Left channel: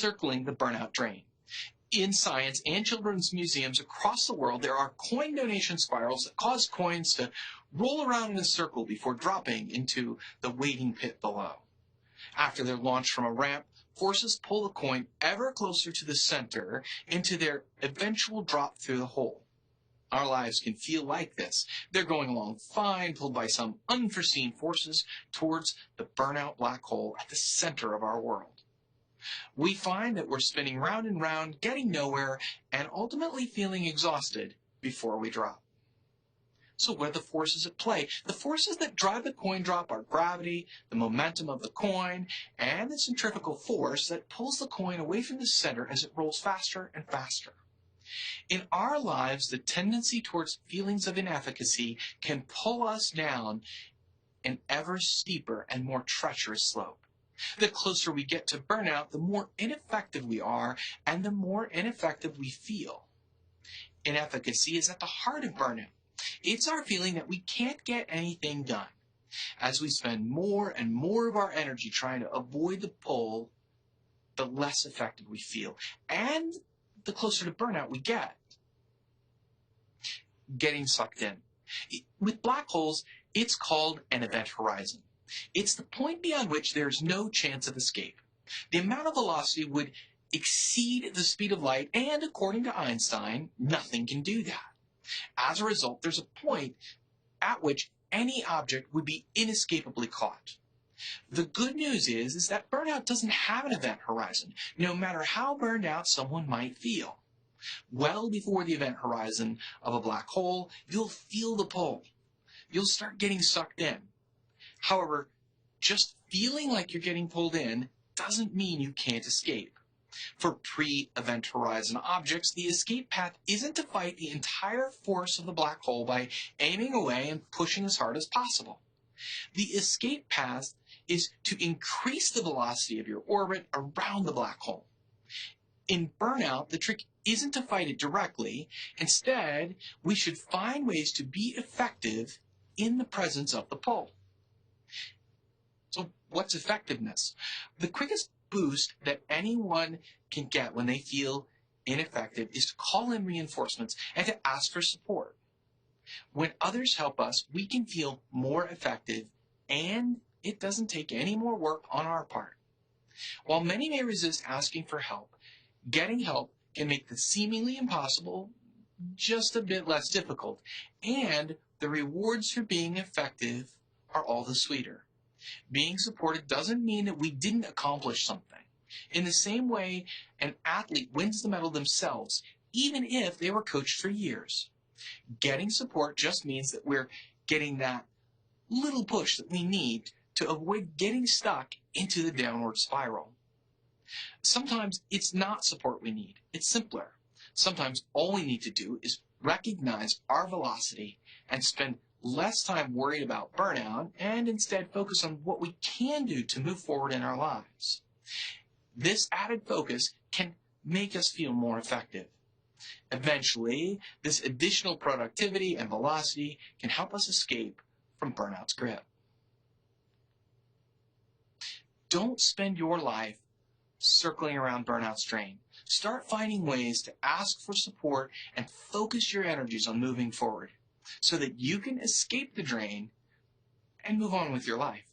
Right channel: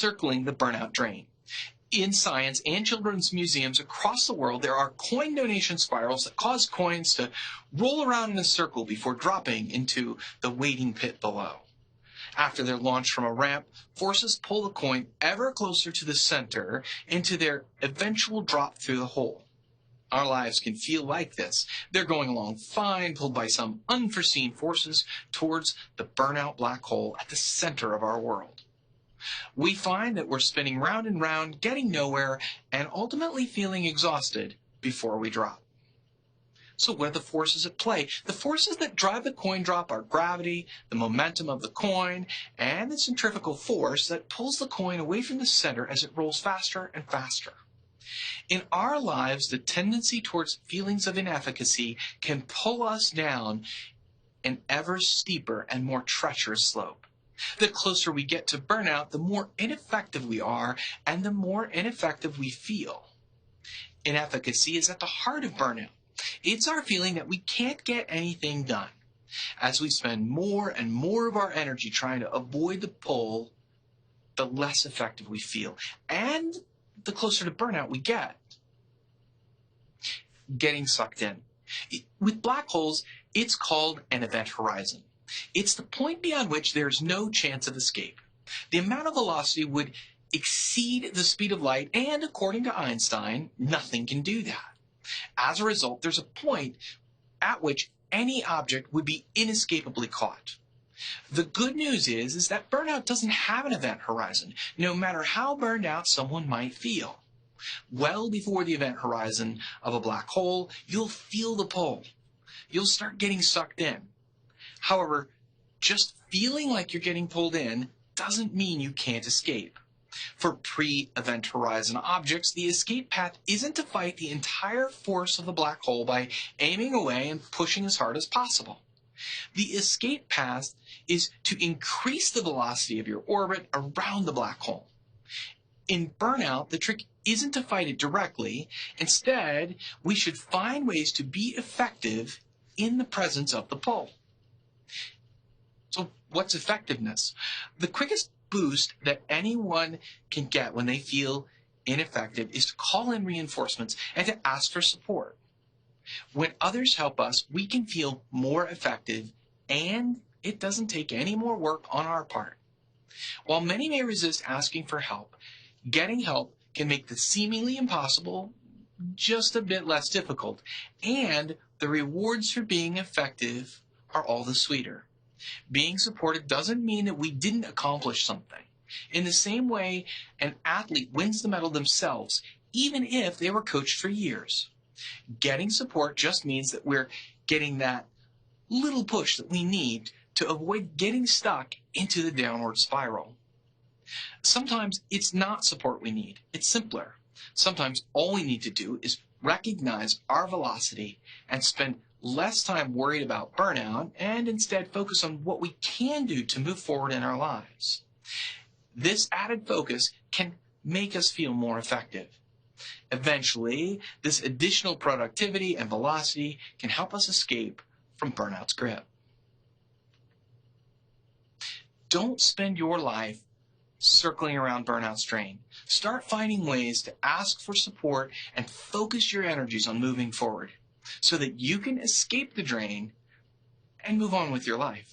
circling the burnout drain. In science and children's museums across the world, there are coin donation spirals that cause coins to roll around in a circle before dropping into the waiting pit below. After they're launched from a ramp, forces pull the coin ever closer to the center into their eventual drop through the hole. Our lives can feel like this. They're going along fine, pulled by some unforeseen forces towards the burnout black hole at the center of our world. We find that we're spinning round and round, getting nowhere, and ultimately feeling exhausted before we drop. So what are the forces at play? The forces that drive the coin drop are gravity, the momentum of the coin, and the centrifugal force that pulls the coin away from the center as it rolls faster and faster. In our lives, the tendency towards feelings of inefficacy can pull us down an ever steeper and more treacherous slope. The closer we get to burnout, the more ineffective we are and the more ineffective we feel. Inefficacy is at the heart of burnout. It's our feeling that we can't get anything done. As we spend more and more of our energy trying to avoid the pull, the less effective we feel. And the closer to burnout we get. Getting sucked in. With black holes, it's called an event horizon. It's the point beyond which there's no chance of escape. The amount of velocity would exceed the speed of light, and according to Einstein, nothing can do that. As a result, there's a point at which any object would be inescapably caught. The good news is that burnout doesn't have an event horizon, no matter how burned out someone might feel. Well before the event horizon of a black hole, you'll feel the pull. You'll start getting sucked in. However, just feeling like you're getting pulled in doesn't mean you can't escape. For pre-event horizon objects, the escape path isn't to fight the entire force of the black hole by aiming away and pushing as hard as possible. The escape path is to increase the velocity of your orbit around the black hole. In burnout, the trick isn't to fight it directly. Instead, we should find ways to be effective in the presence of the pull. So what's effectiveness? The quickest boost that anyone can get when they feel ineffective is to call in reinforcements and to ask for support. When others help us, we can feel more effective, and it doesn't take any more work on our part. While many may resist asking for help, getting help can make the seemingly impossible just a bit less difficult, and the rewards for being effective are all the sweeter. Being supported doesn't mean that we didn't accomplish something. In the same way, an athlete wins the medal themselves, even if they were coached for years. Getting support just means that we're getting that little push that we need to avoid getting stuck into the downward spiral. Sometimes it's not support we need. It's simpler. Sometimes all we need to do is recognize our velocity and spend less time worried about burnout and instead focus on what we can do to move forward in our lives. This added focus can make us feel more effective. Eventually, this additional productivity and velocity can help us escape from burnout's grip. Don't spend your life circling around burnout's drain. Start finding ways to ask for support and focus your energies on moving forward so that you can escape the drain and move on with your life.